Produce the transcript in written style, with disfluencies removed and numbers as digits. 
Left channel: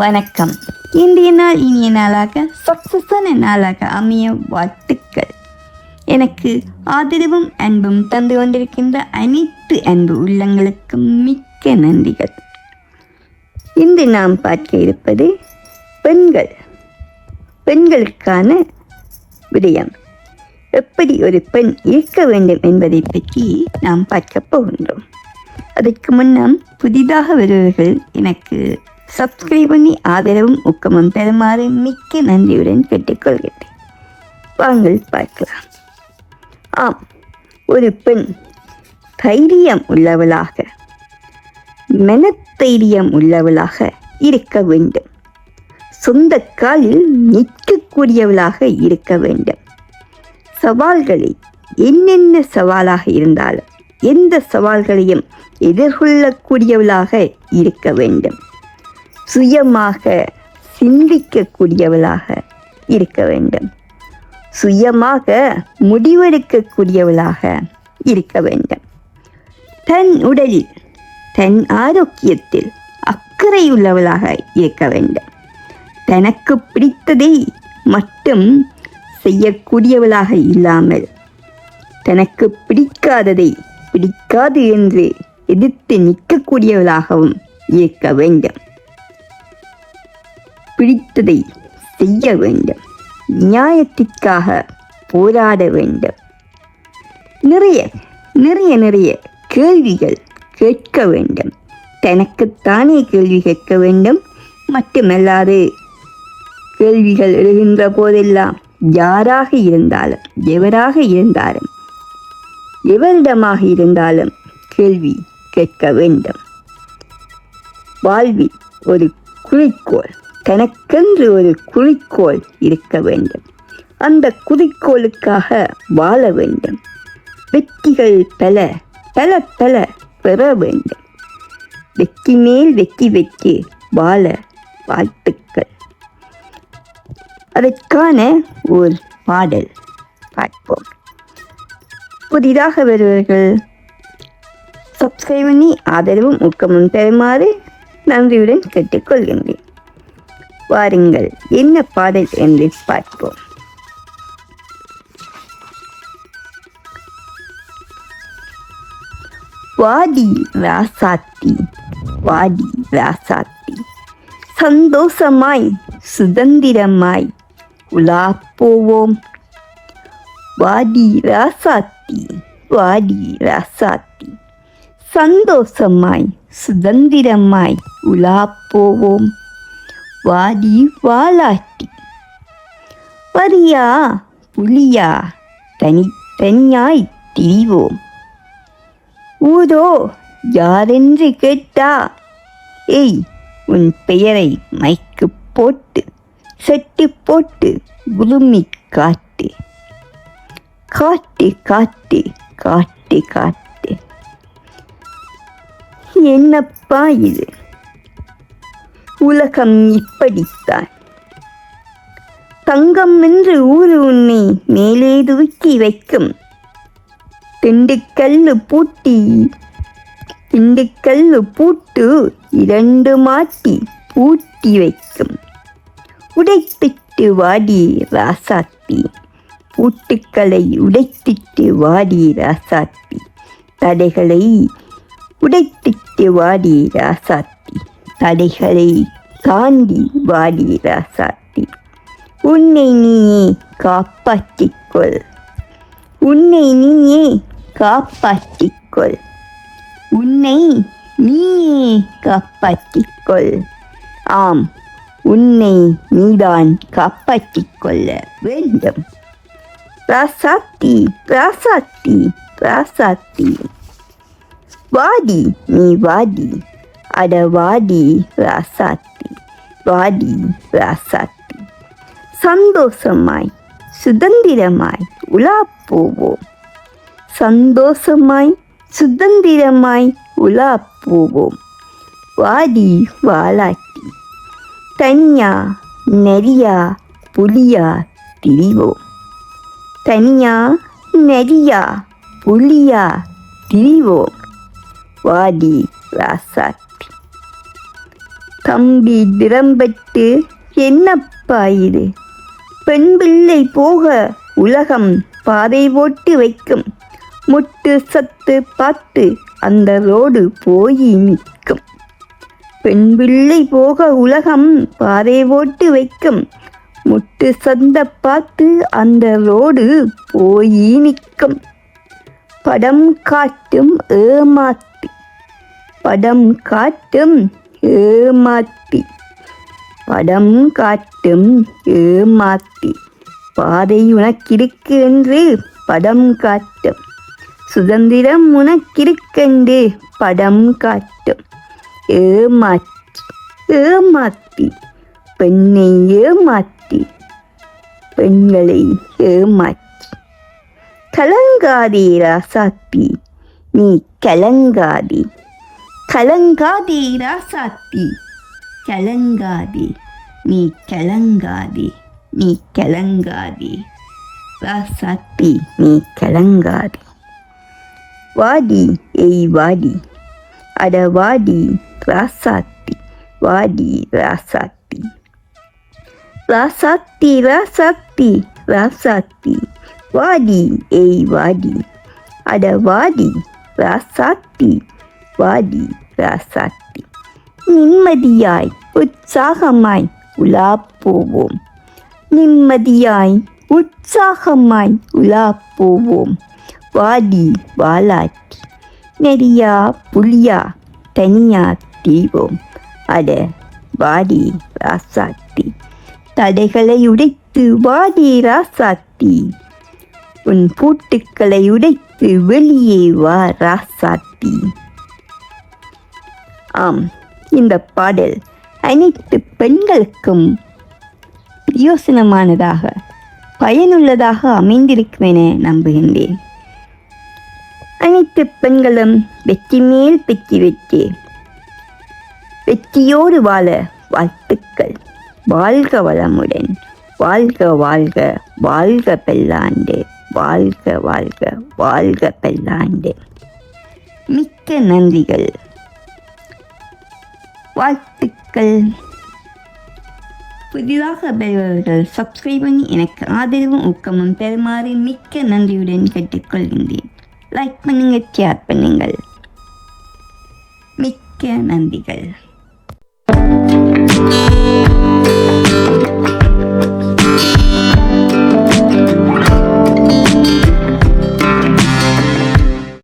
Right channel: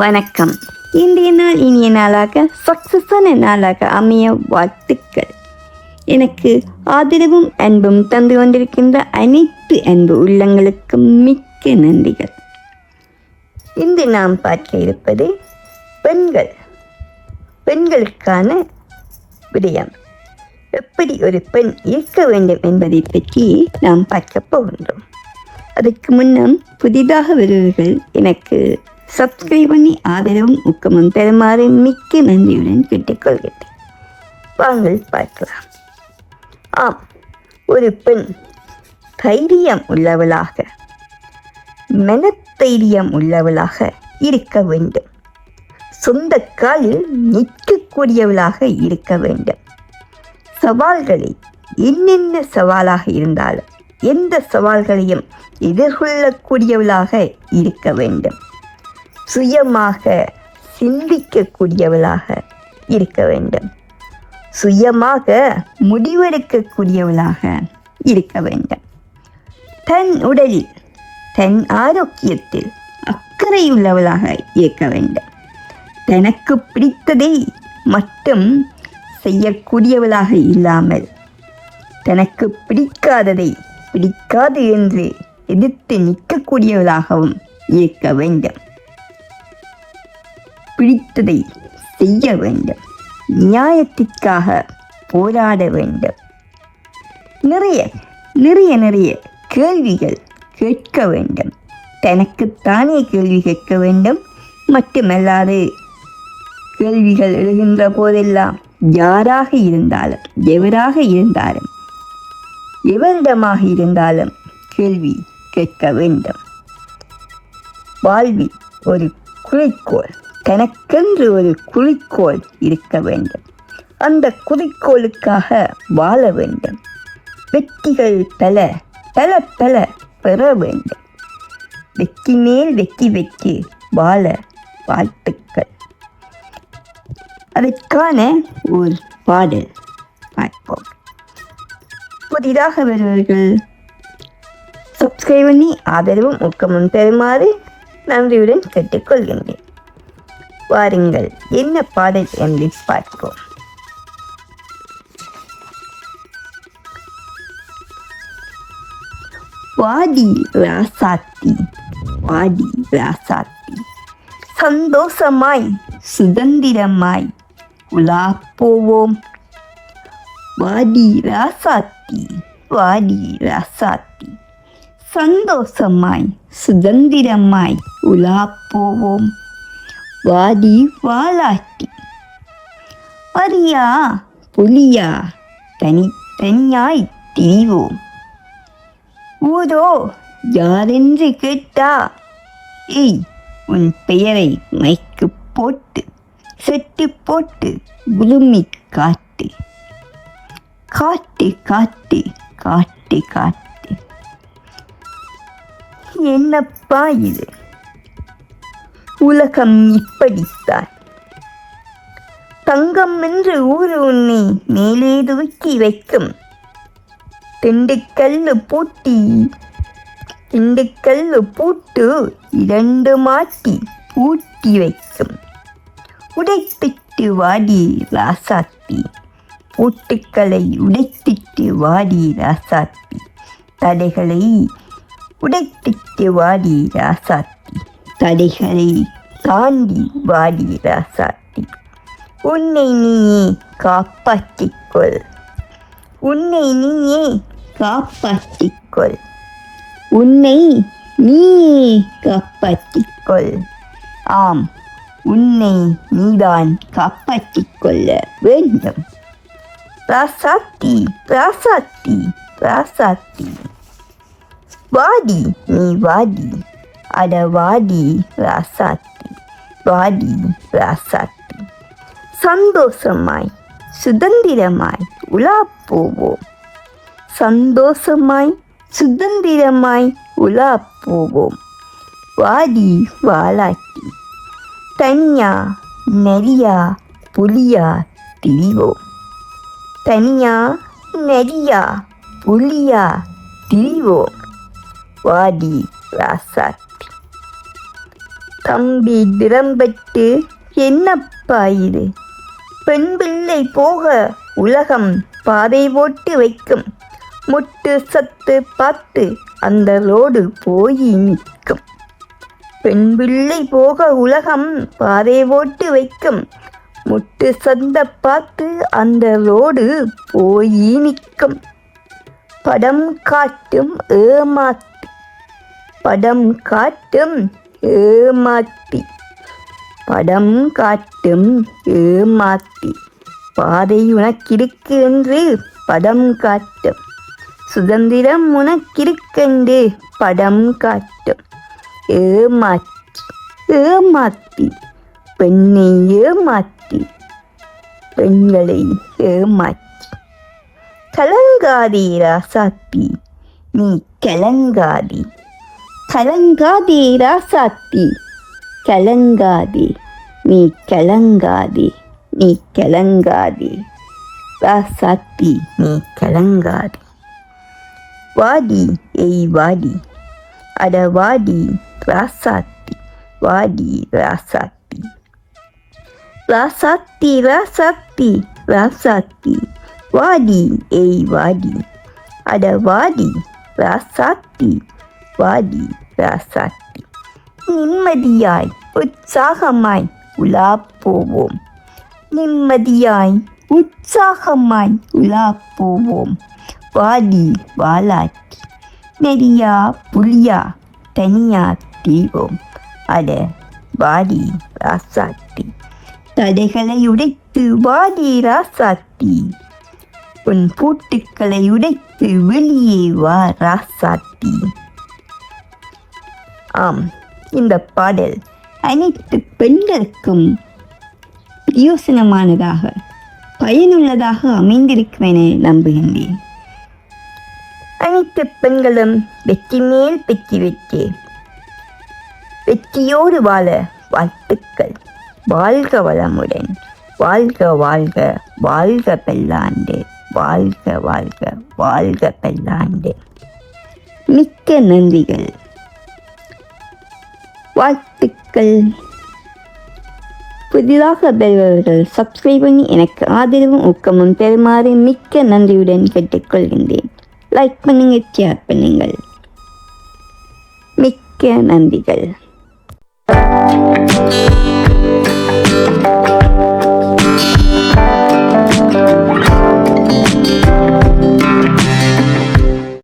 வணக்கம். இன்றைய நாள் இனிய நாளாக சக்சஸான நாளாக அமைய வாழ்த்துக்கள். எனக்கு ஆதரவும் அன்பும் தந்து கொண்டிருக்கின்ற அனைத்து அன்பு உள்ளங்களுக்கும் மிக்க நன்றிகள். இன்று நாம் பார்க்க இருப்பது பெண்களுக்கான விடயம். எப்படி ஒரு பெண் இருக்க வேண்டும் என்பதை பற்றி நாம் பார்க்க போகின்றோம். அதற்கு முன்னம் புதிதாக வருபவர்கள் எனக்கு சப்ஸ்கிரைப் பண்ணி ஆதரவும் ஊக்கமும் பெறுமாறு மிக்க நன்றியுடன் கேட்டுக்கொள்கிறேன். வாங்கள் பார்க்கலாம். ஒரு பெண் தைரியம் உள்ளவளாக, மனத்தைரியம் உள்ளவளாக இருக்க வேண்டும். சொந்த காலில் நிற்கக்கூடியவளாக இருக்க வேண்டும். சவால்களை என்னென்ன சவாலாக இருந்தாலும் எந்த சவால்களையும் எதிர்கொள்ளக்கூடியவளாக இருக்க வேண்டும். சுயமாக சிந்திக்கக்கூடியவளாக இருக்க வேண்டும். சுயமாக முடிவெடுக்கக்கூடியவளாக இருக்க வேண்டும். தன் உடலில் தன் ஆரோக்கியத்தில் அக்கறை உள்ளவளாக இருக்க வேண்டும். தனக்கு பிடித்ததை மட்டும் செய்யக்கூடியவளாக இல்லாமல் தனக்கு பிடிக்காததை பிடிக்காது என்று எதிர்த்து நிற்கக்கூடியவளாகவும் இருக்க வேண்டும். பிடித்ததை செய்ய வேண்டும். நியாயத்திற்காக போராட வேண்டும். நிறைய கேள்விகள் கேட்க வேண்டும். தனக்குத்தானே கேள்வி கேட்க வேண்டும். மட்டுமல்லாது கேள்விகள் எழுகின்ற போதெல்லாம் யாராக இருந்தாலும் எவராக இருந்தாலும் எவரிடமாக இருந்தாலும் கேள்வி கேட்க வேண்டும். வாழ்வில் ஒரு குறிக்கோள், தனக்கென்று ஒரு குறிக்கோள் இருக்க வேண்டும். அந்த குறிக்கோளுக்காக வாழ வேண்டும். வெற்றிகள் பல பல பல பெற வேண்டும். வெற்றி மேல் வெற்றி வெற்றி வாழ வாழ்த்துக்கள். அதற்கான ஒரு பாடல் பார்ப்போம். புதிதாக வருவர்கள் சப்ஸ்கிரைப் பண்ணி ஆதரவும் ஊக்கமும் பெறுமாறு நன்றியுடன் கேட்டுக்கொள்கின்றேன். வாருங்கள், என்ன பாடல் என்று பார்ப்போம். வாடி ராசாத்தி, வாடி ராசாத்தி, சந்தோஷமாய் சுதந்திரமாய் உலா போவோம். வாடி ராசாத்தி, வாடி ராசாத்தி, சந்தோஷமாய் சுதந்திரமாய் உலா போவோம். வாடி வாலாட்டி, வரியா புலியா தனித்தனியாய் திரிவோம். ஊதோ யாரென்று கேட்டா, ஏய் உன் பெயரை மைக்கு போட்டு செட்டு போட்டு உருமி காட்டு. காட்டு காட்டு காட்டு காட்டு. என்னப்பா இது, உலகம் இப்படித்தான். தங்கம் என்று ஊரு உன்னை மேலே தூக்கி வைக்கும். திண்டுக்கல்லு பூட்டு இரண்டு மாட்டி பூட்டி வைக்கும். உடைத்திட்டு வாடி ராசாத்தி, பூட்டுக்களை உடைத்திட்டு வாடி ராசாத்தி. தடைகளை உடைத்திட்டு வாடி ராசாத்தி, தடைகளை தாண்டி வாடி ராசாத்தி. உன்னை நீயே காப்பாற்றிக்கொள், உன்னை நீயே காப்பாற்றிக்கொள், உன்னை நீயே காப்பாற்றிக்கொள். ஆம், உன்னை நீதான் காப்பாற்றிக்கொள்ள வேண்டும். ராசாத்தி ராசாத்தி ராசாத்தி, வாடி நீ வாடி, அட வாடி ராசாத்தி, வாடி ராசாத்தி. சந்தோஷமாய் சுதந்திரமாய் உலா போவோம். சந்தோஷமாய் சுதந்திரமாய் உலா போவோம். வாடி வாலாட்டி, தனியா நெறியா புலியா திரிவோம். தனியா நெறியா புலியா திரிவோம். வாடி ராசாத்தி. தம்பி திறம்பட்டு என்னப்பா இது? பெண் பிள்ளை போக உலகம் பாதை போட்டு வைக்கும். முட்டு சத்து பார்த்து அந்த ரோடு போய் நிற்கும். பெண் பிள்ளை போக உலகம் பாதை போட்டு வைக்கும். முட்டு சந்த பார்த்து அந்த ரோடு போய் நிற்கும். படம் காட்டும் ஏமாத்தி, படம் காட்டும் ஏமாத்தி, படம் காட்டும் ஏமாத்தி, பாதை உனக்கிருக்கு என்று படம் காட்டும். சுதந்திரம் உனக்கிருக்கென்று படம் காட்டும். ஏமாற்றி ஏமாத்தி, பெண்ணை ஏமாற்றி, பெண்களை ஏமாற்றி. கலங்காதே ராசாத்தி, நீ கலங்காதே. கலங்காதே ராசாத்தி, கலங்காதே. நீ கலங்காதே, நீ கலங்காதே ராசாத்தி, நீ கலங்காதே. வாடி ஏய் வாடி, அட வாடி ராசாத்தி, வாடி ராசாத்தி. ராசாத்தி ராசாத்தி ராசாத்தி, வாடி ஏய் வாடி, அட வாடி ராசாத்தி, வாடி ராசாத்தி. நிம்மதியாய் உற்சாகமாய் உலா போவோம். நிம்மதியாய் உற்சாகமாய் உலா போவோம். வாடி வாலாட்டி, நெறியா புளியா தனியா தீவோம். அட வாடி ராசாத்தி, தடைகளை உடைத்து வாடி ராசாத்தி. உன் பூட்டுக்களை உடைத்து வெளியே வா ராசாத்தி. ஆம், இந்த பாடல் அனைத்து பெண்களுக்கும் பிரயோசனமானதாக பயனுள்ளதாக அமைந்திருக்கும் என நம்புகின்றேன். அனைத்து பெண்களும் வெற்றி மேல் வெற்றி வெற்றி வெற்றியோடு வாழ வாழ்த்துக்கள். வாழ்க வளமுடன், வாழ்க வாழ்க, வாழ்க பல்லாண்டு, வாழ்க வாழ்க, வாழ்க பல்லாண்டு. மிக்க நன்றிகள், வாழ்த்துக்கள். புதிதாக வருபவர்கள் சப்ஸ்கிரைப் பண்ணி எனக்கு ஆதரவும் ஊக்கமும் பெறுமாறு மிக்க நன்றியுடன் கேட்டுக்கொள்கின்றேன். லைக் பண்ணுங்க, ஷேர் பண்ணுங்கள். மிக்க நன்றிகள்.